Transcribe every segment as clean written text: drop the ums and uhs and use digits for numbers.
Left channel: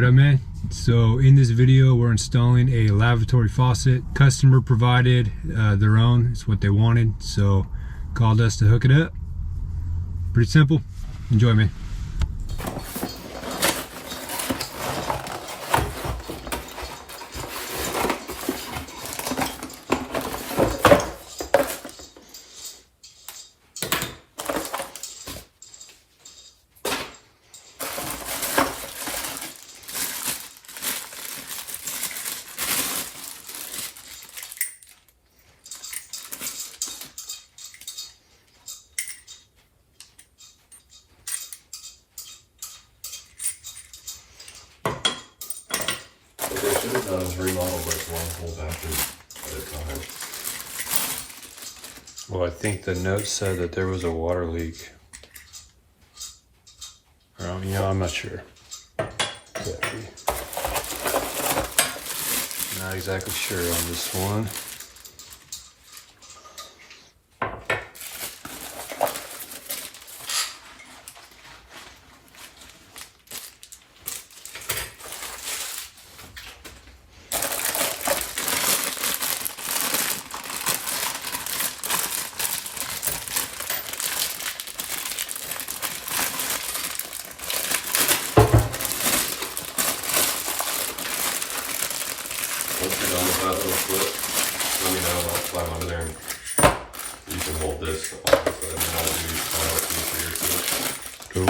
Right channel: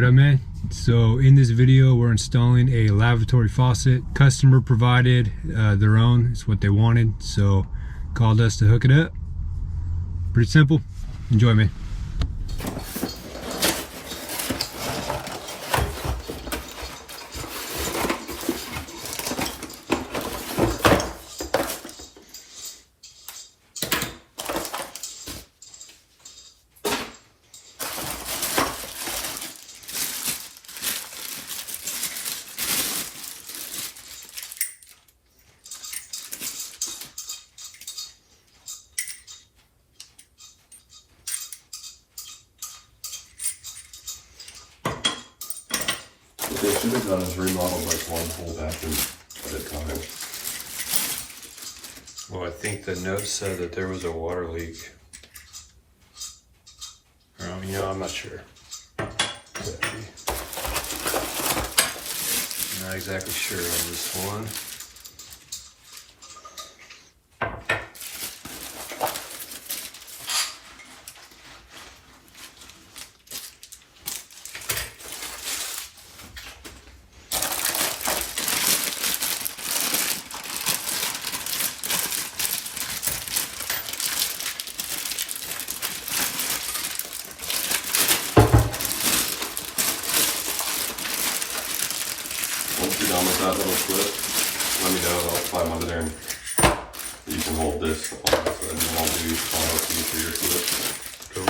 what up, man? So in this video we're installing a lavatory faucet. Customer provided their own. It's what they wanted, so called us to hook it up. Pretty simple. Enjoy, man. What they should have done is remodel like one whole bathroom at a time. Well, I think the note said that there was a water leak. Or, I'm not sure. Not exactly sure on this one. Once you're done with that little clip, let me know and I'll climb under there and you can hold this off and then I'll do these final figure to it.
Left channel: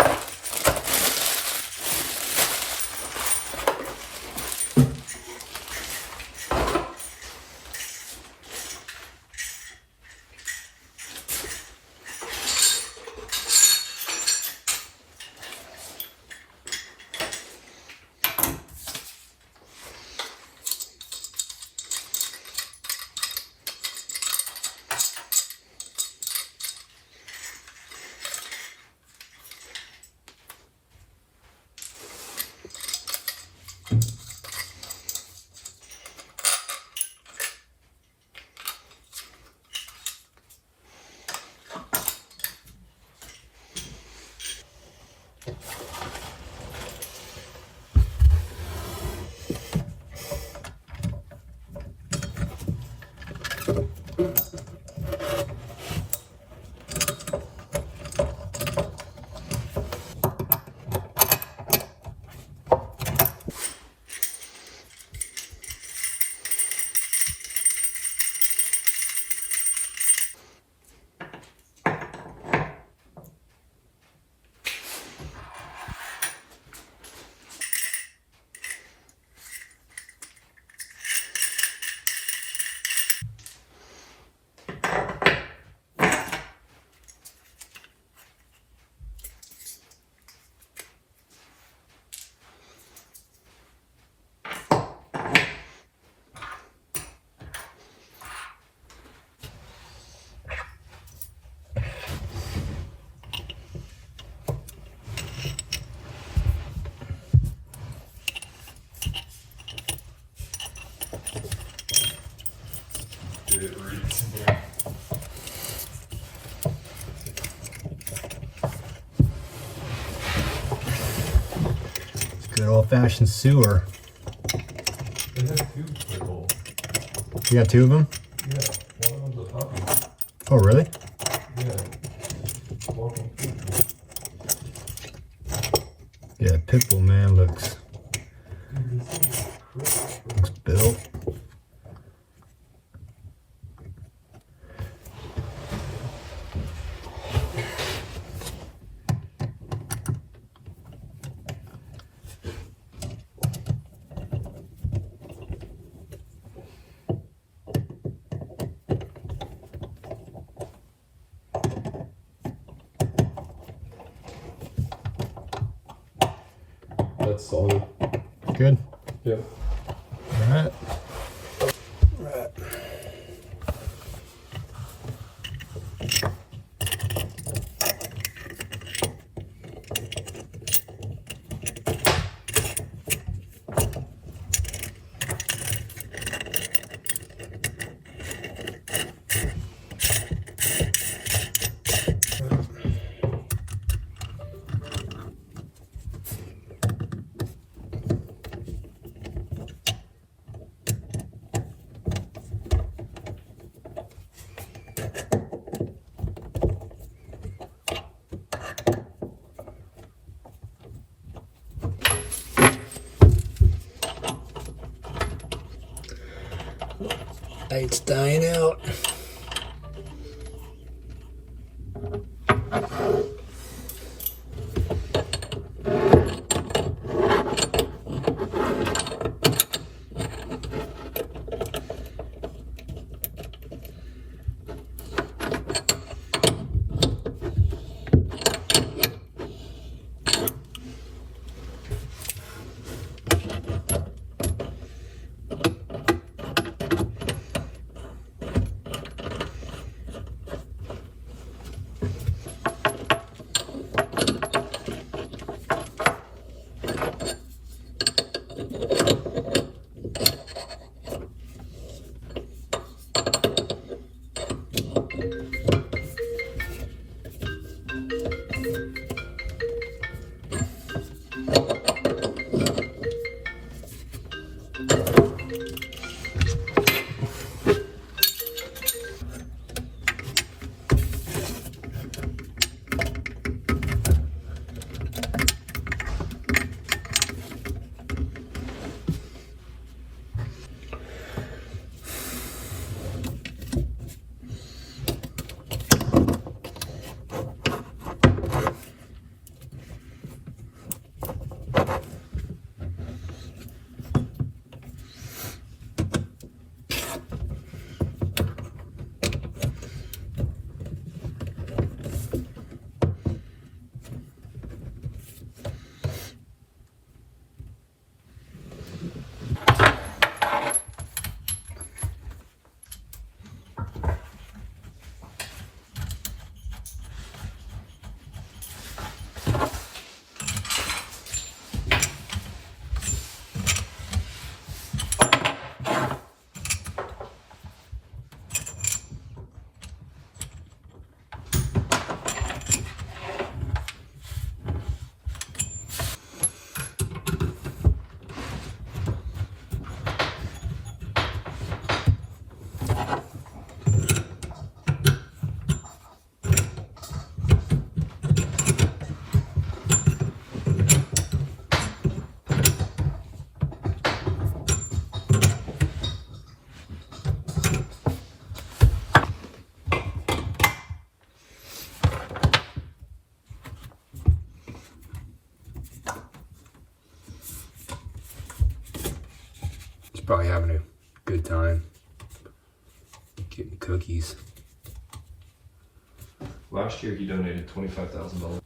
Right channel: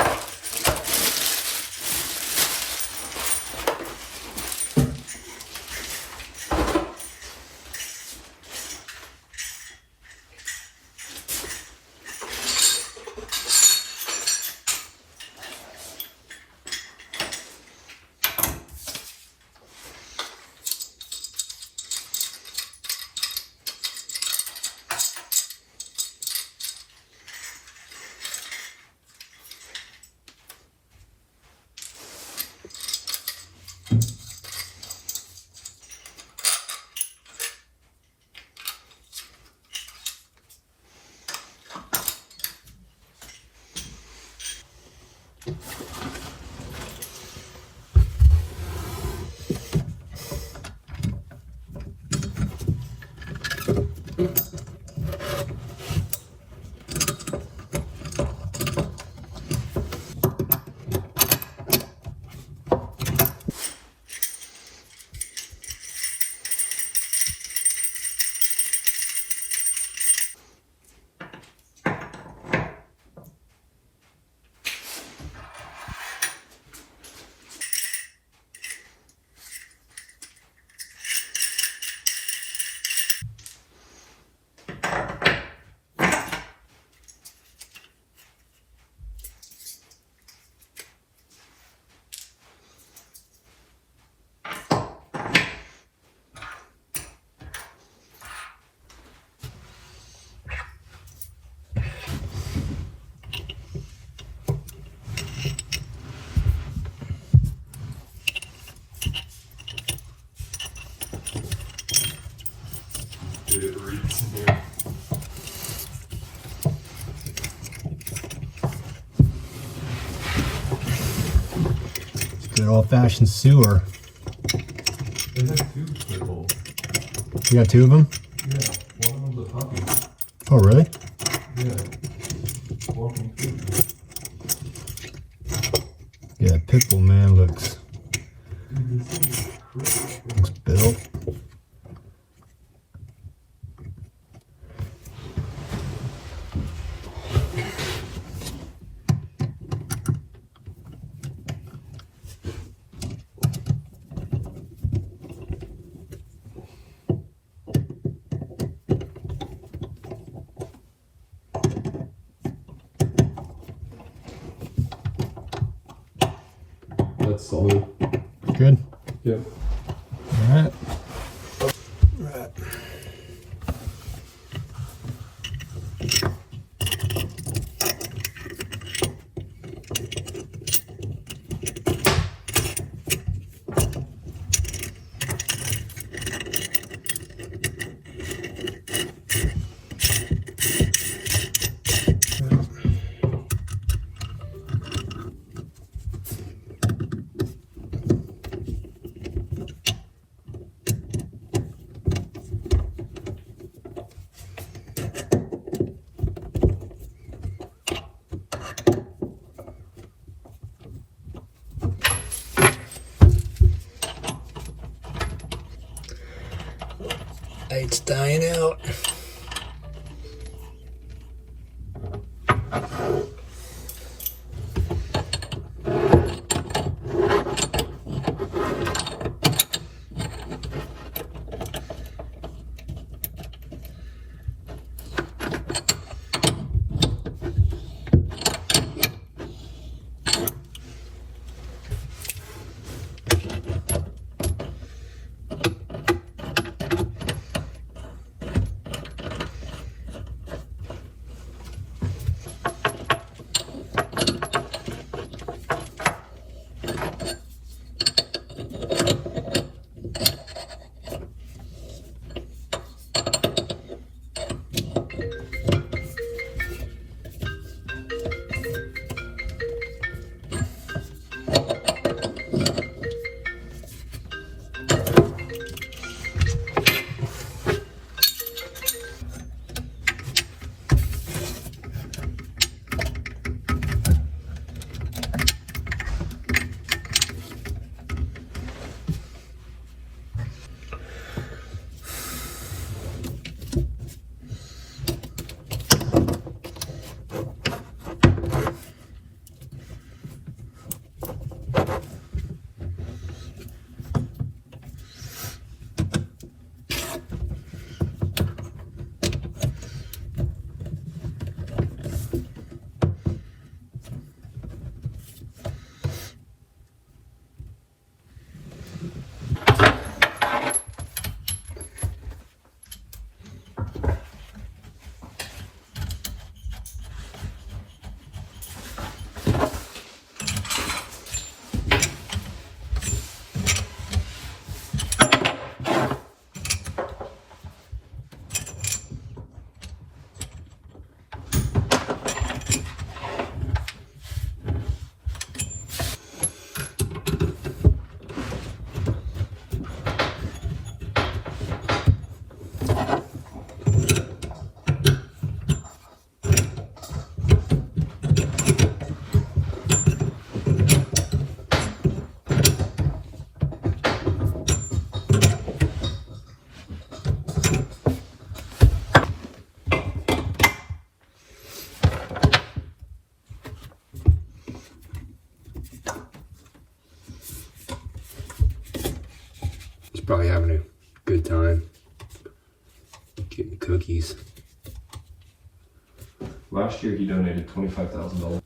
Good old-fashioned sewer. It has two people. You got two of them? Yeah, one of them's a puppy. Oh, really? Yeah. Walking through. Yeah, Pitbull man looks built. It's dying out. Probably having a good time getting cookies. Last year he donated $25,000.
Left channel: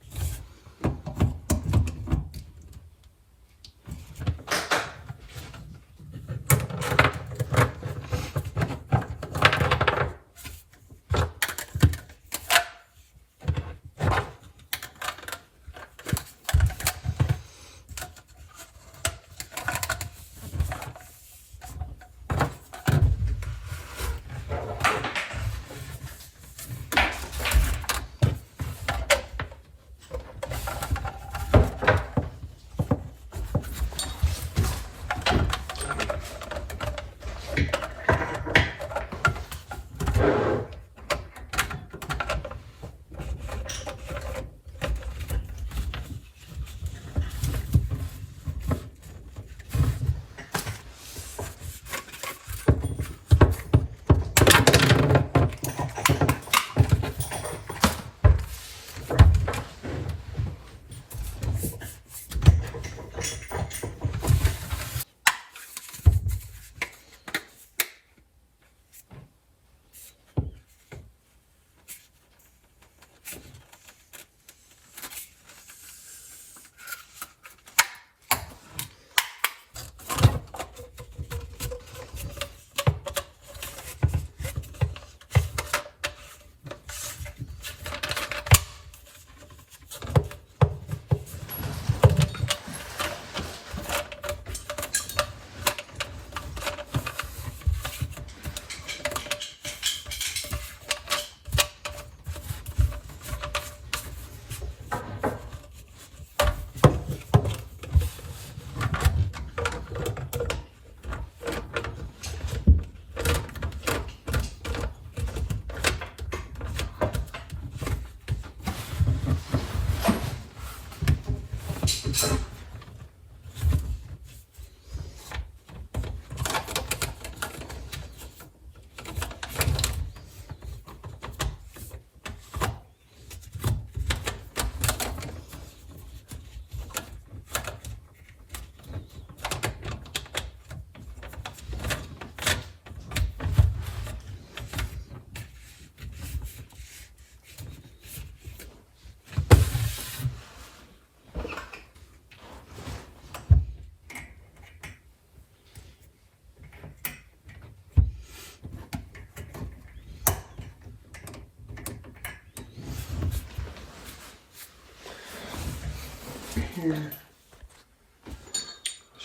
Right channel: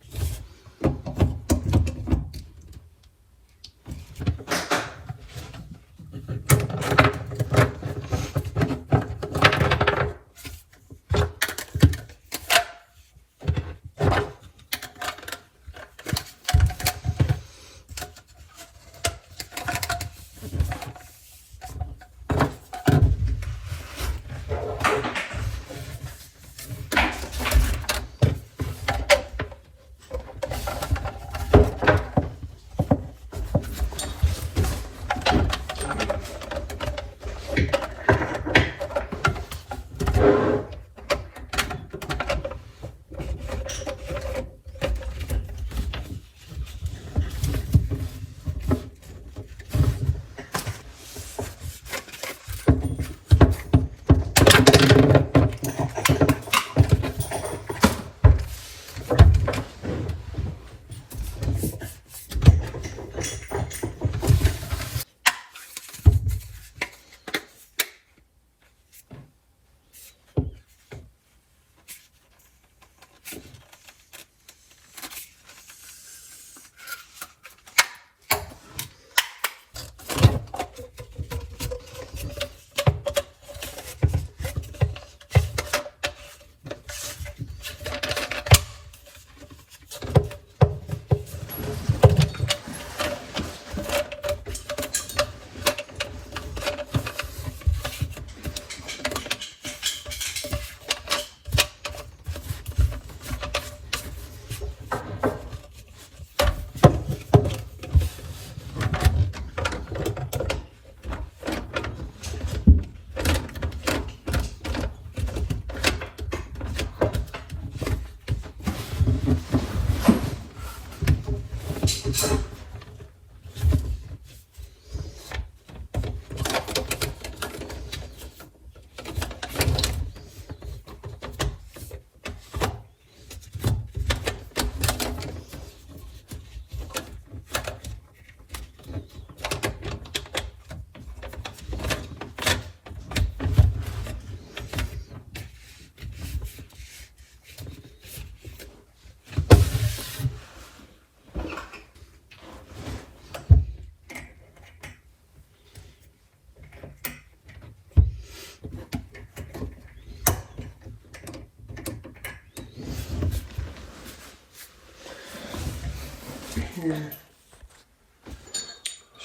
Let's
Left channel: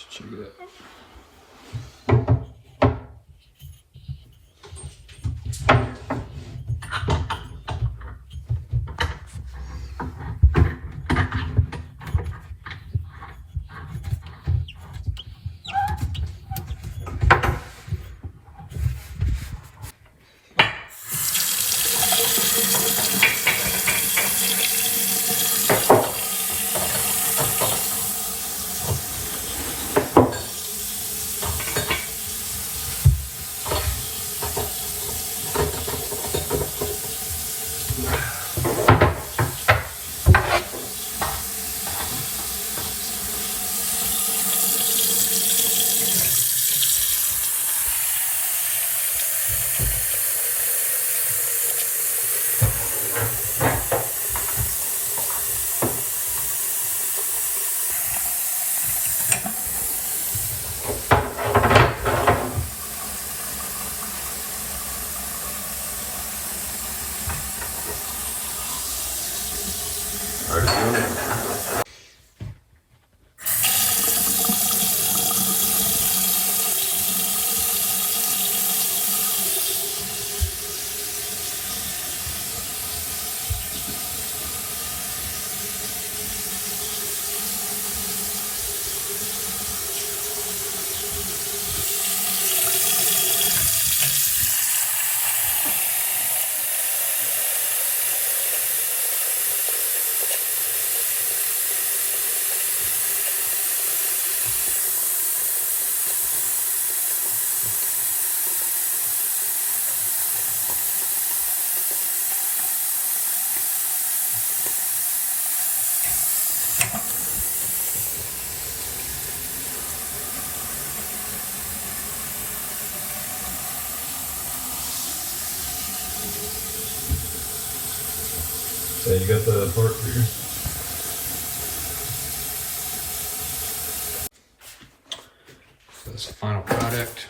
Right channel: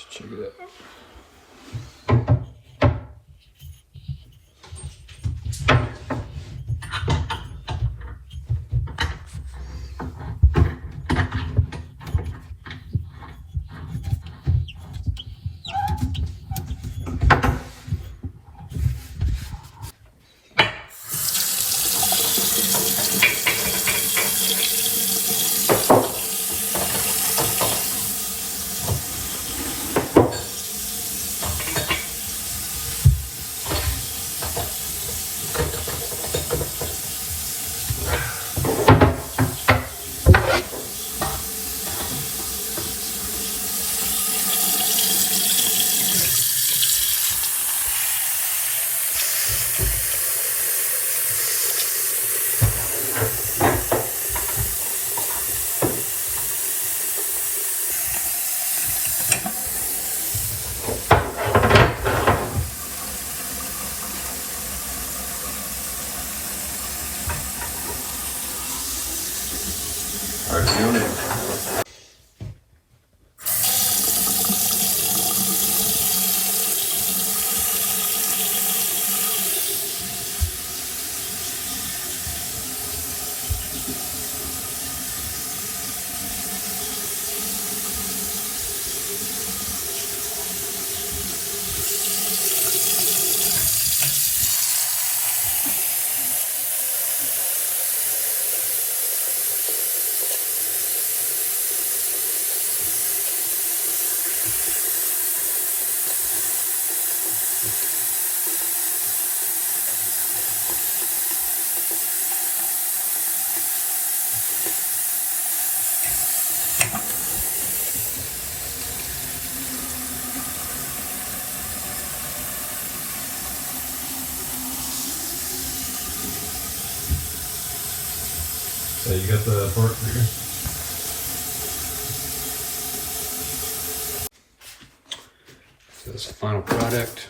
check it out. So you got the part here? So that's the final product.